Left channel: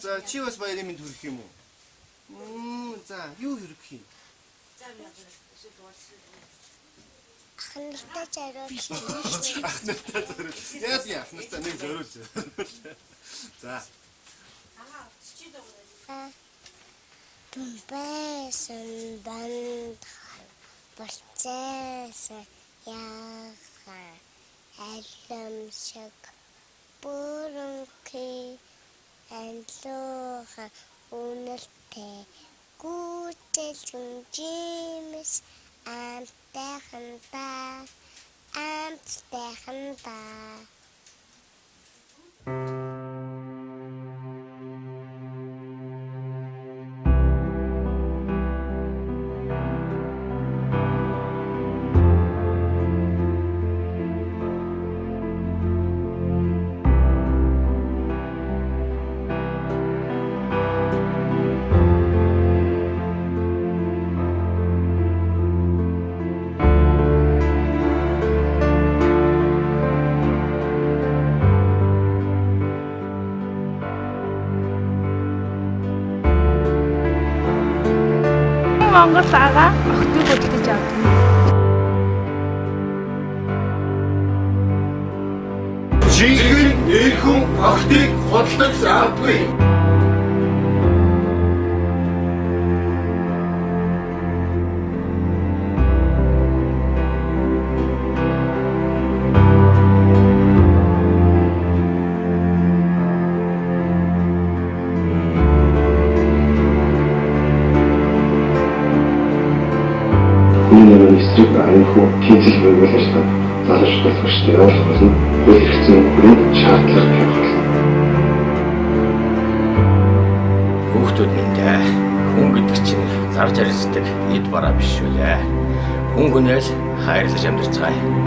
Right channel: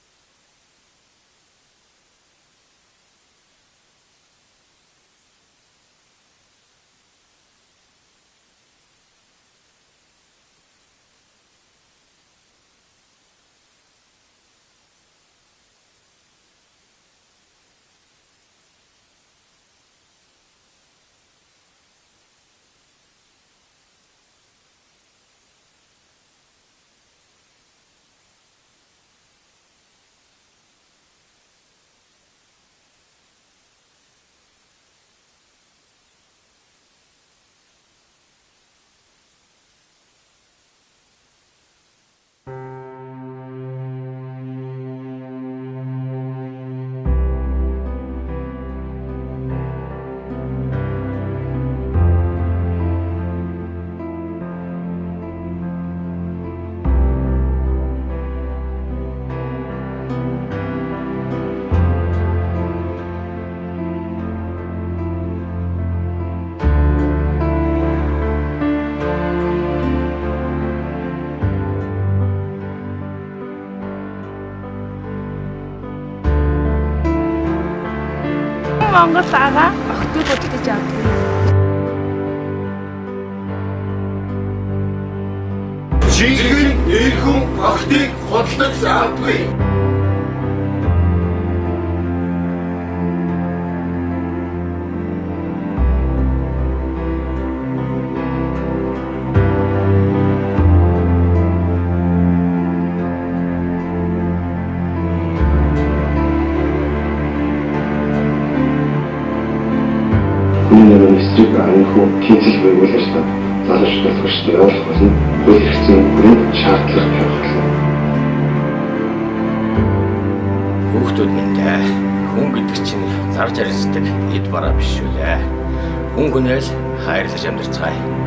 За чи бас баярын мэнд хүрэх юм уу? За юу хүрэх юм? Ахнартаа зориулж. Ахнартаа зориулж. Яа ахнартаа нэг зориулж. За. Тумбайсан банд болцсон яаха аламшиг бүрэнхий анлууха үнэлтэй гүйцэлсэн жимс амтайхандаа Монгол ага охтыг хөдөлж авдаг. Жинхэнэ нэрхэн охтыг хөдөлж авдаг. Эсрэг анхуу тэнцэл байгуулж та залууч толгочтой явуулах болно. Хууль хэрэгцээ хүрээнд шаардлага тавих болно. Хүүхдүүд минь хүн гэдэг чинь зарж арилждаг эд бараа биш шүү лээ. Хүн хүнээс хайрлаж амьдарцгаая.